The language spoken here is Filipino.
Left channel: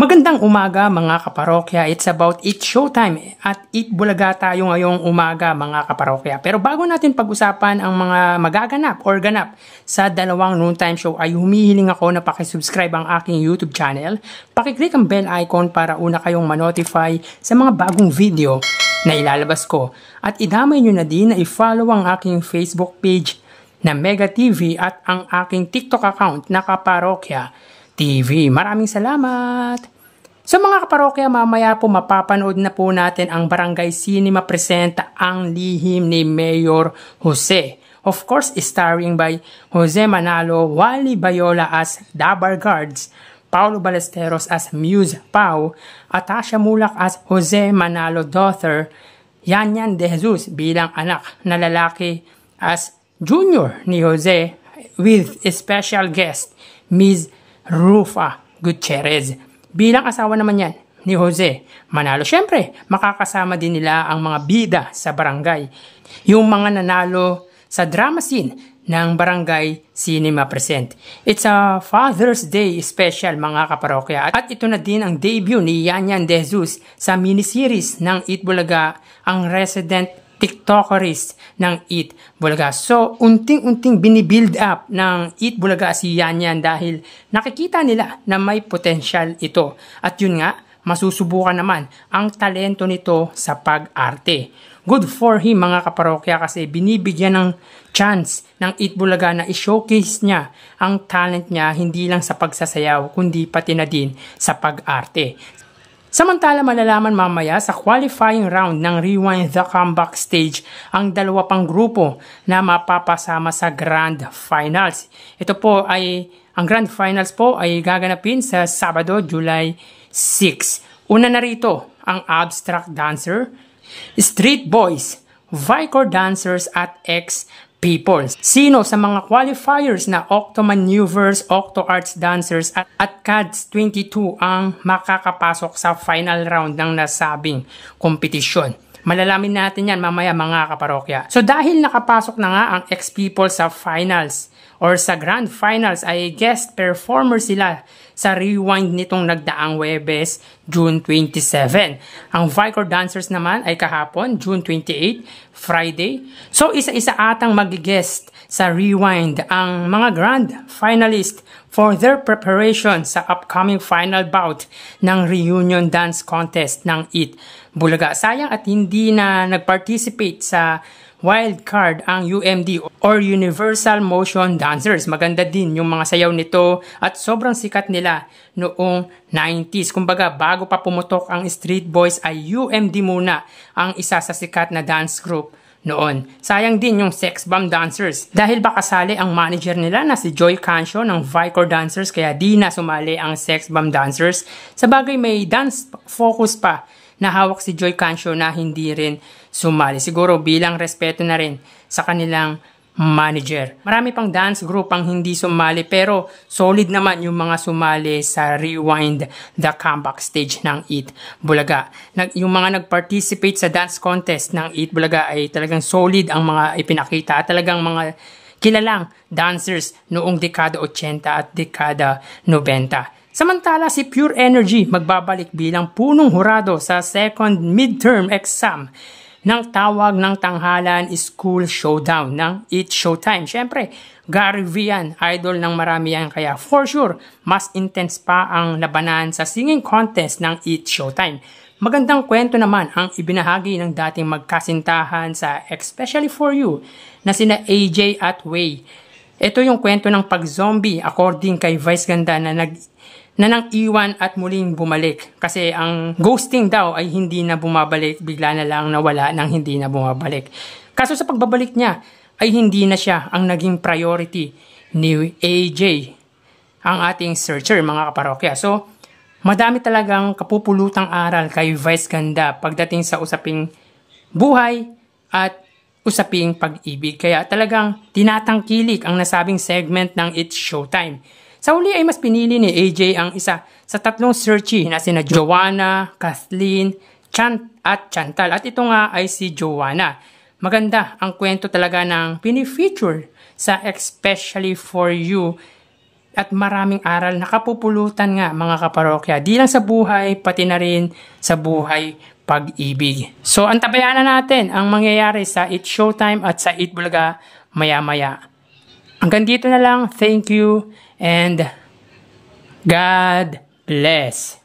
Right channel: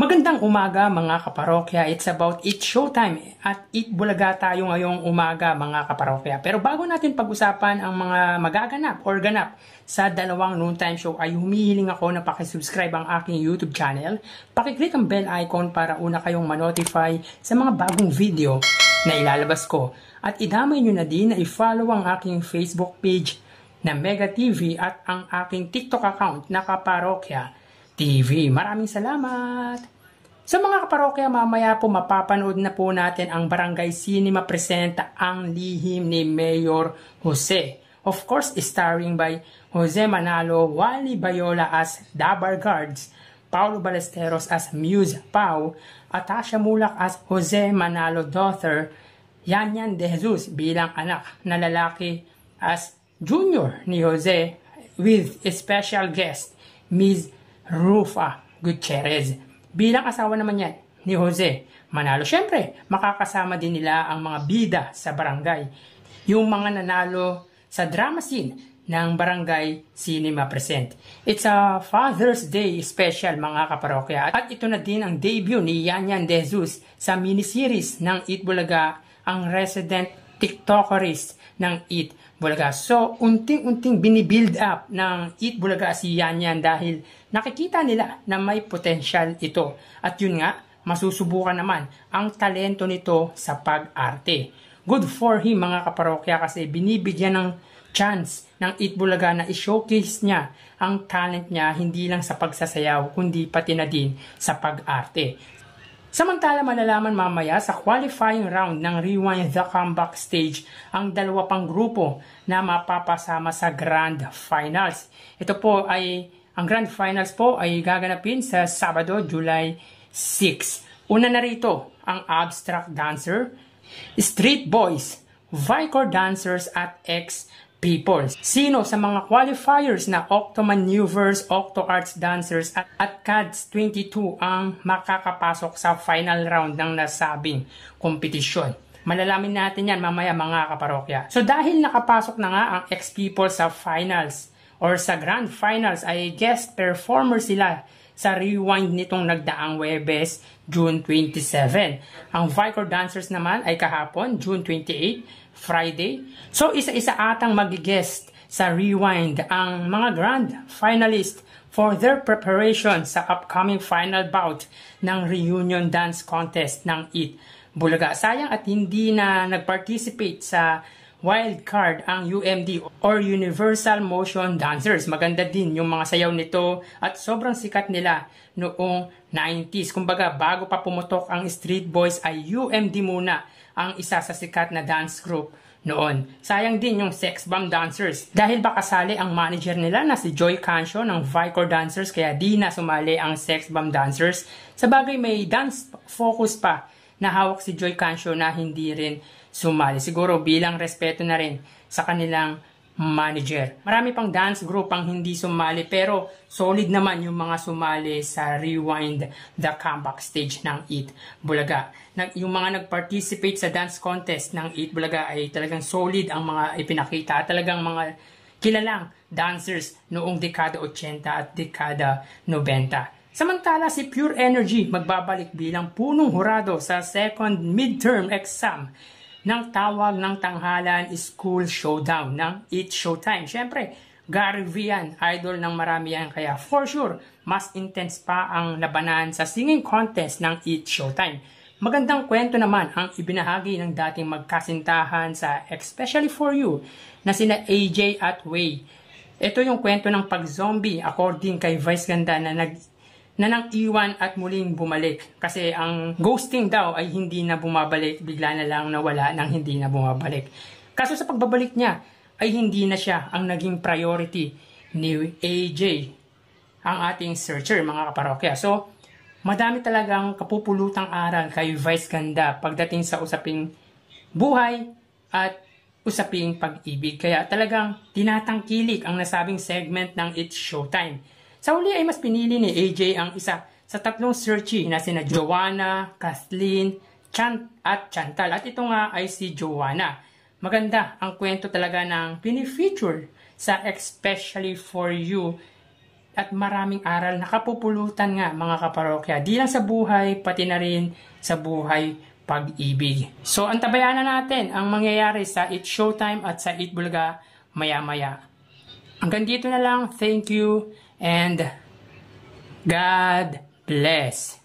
Magandang umaga mga kaparokya. It's about Eat Showtime at Eat Bulaga tayo ngayong umaga mga kaparokya. Pero bago natin pag-usapan ang mga magaganap or ganap sa dalawang noontime show ay humihiling ako na pakisubscribe ang aking YouTube channel. Pakiclick ang bell icon para una kayong manotify sa mga bagong video na ilalabas ko. At idamay nyo na din na i-follow ang aking Facebook page na Mega TV at ang aking TikTok account na Kaparokya TV. Maraming salamat! Sa mga kaparokya, mamaya po mapapanood na po natin ang Barangay Cinema presenta Ang Lihim ni Mayor Jose. Of course, starring by Jose Manalo, Wally Bayola as Dabar Guards, Paulo Ballesteros as Muse Pau, Atasha Mulak as Jose Manalo daughter, Yanyan De Jesus bilang anak na lalaki as Junior ni Jose with a special guest, Ms. Rufa Gutierrez. Bilang asawa naman yan ni Jose Manalo. Siyempre, makakasama din nila ang mga bida sa barangay. Yung mga nanalo sa drama scene ng Barangay Cinema Present. It's a Father's Day special mga kaparokya. At ito na din ang debut ni Yanyan De Jesus sa miniseries ng Eat Bulaga, ang resident TikTokerist ng Eat Bulaga. So, unting-unting binibuild up ng Eat Bulaga si Yanyan dahil nakikita nila na may potential ito. At yun nga, masusubukan naman ang talento nito sa pag-arte. Good for him mga kaparokya kasi binibigyan ng chance ng Eat Bulaga na i-showcase niya ang talent niya hindi lang sa pagsasayaw kundi pati na din sa pag-arte. Samantala malalaman mamaya sa qualifying round ng Rewind the Comeback Stage ang dalawa pang grupo na mapapasama sa Grand Finals. Ito po ay, ang Grand Finals po ay gaganapin sa Sabado, July 6. Una na rito ang Abstract Dancer, Street Boys, Vicor Dancers at X-People. Sino sa mga qualifiers na Octomaneuvers, Octo-Arts Dancers at CADS 22 ang makakapasok sa final round ng nasabing kompetisyon? Malalamin natin yan mamaya mga kaparokya. So dahil nakapasok na nga ang X-People sa finals or sa Grand Finals ay guest performer sila sa Rewind nitong nagdaang Webes, June 27. Ang Vicor Dancers naman ay kahapon, June 28, Friday. So isa-isa atang mag-guest sa Rewind ang mga Grand Finalist for their preparation sa upcoming final bout ng Reunion Dance Contest ng Eat Bulaga. Sayang at hindi na nag-participate sa wild card ang UMD or Universal Motion Dancers. Maganda din yung mga sayaw nito at sobrang sikat nila noong 90s. Kumbaga, bago pa pumutok ang Street Boys ay UMD muna ang isa sa sikat na dance group noon. Sayang din yung Sex Bomb Dancers dahil baka sali ang manager nila na si Joy Cancio ng Vicor Dancers kaya di na sumali ang Sex Bomb Dancers. Sa bagay may dance focus pa na hawak si Joy Cancio na hindi rin sumali. Siguro bilang respeto na rin sa kanilang manager. Marami pang dance group ang hindi sumali pero solid naman yung mga sumali sa Rewind the Comeback Stage ng Eat Bulaga. Yung mga nag-participate sa dance contest ng Eat Bulaga ay talagang solid ang mga ipinakita. Talagang mga kilalang dancers noong dekada 80 at dekada 90. Samantala si Pure Energy magbabalik bilang punong hurado sa second midterm exam ng tawag ng tanghalan School Showdown ng Eat Showtime. Siyempre, Gary V yan, idol ng marami yan. Kaya for sure, mas intense pa ang labanan sa singing contest ng Eat Showtime. Magandang kwento naman ang ibinahagi ng dating magkasintahan sa Especially For You na sina AJ at Way. Ito yung kwento ng pag-zombie according kay Vice Ganda na nang iwan at muling bumalik. Kasi ang ghosting daw ay hindi na bumabalik, bigla na lang nawala nang hindi na bumabalik. Kaso sa pagbabalik niya ay hindi na siya ang naging priority ni AJ, ang ating searcher mga kaparokya. So, madami talagang kapupulutang aral kay Vice Ganda pagdating sa usaping buhay at usaping pag-ibig. Kaya talagang tinatangkilik ang nasabing segment ng It's Showtime. Sa uli ay mas pinili ni AJ ang isa sa tatlong searchee na sina Joanna, Kathleen, at Chantal. At ito nga ay si Joanna. Maganda ang kwento talaga ng pinifeature sa Especially For You at maraming aral na kapupulutan nga mga kaparokya. Di lang sa buhay, pati na rin sa buhay pag-ibig. So antabayan na natin ang mangyayari sa It's Showtime at sa Eat Bulaga maya-maya. Hanggang dito na lang. Thank you and God bless.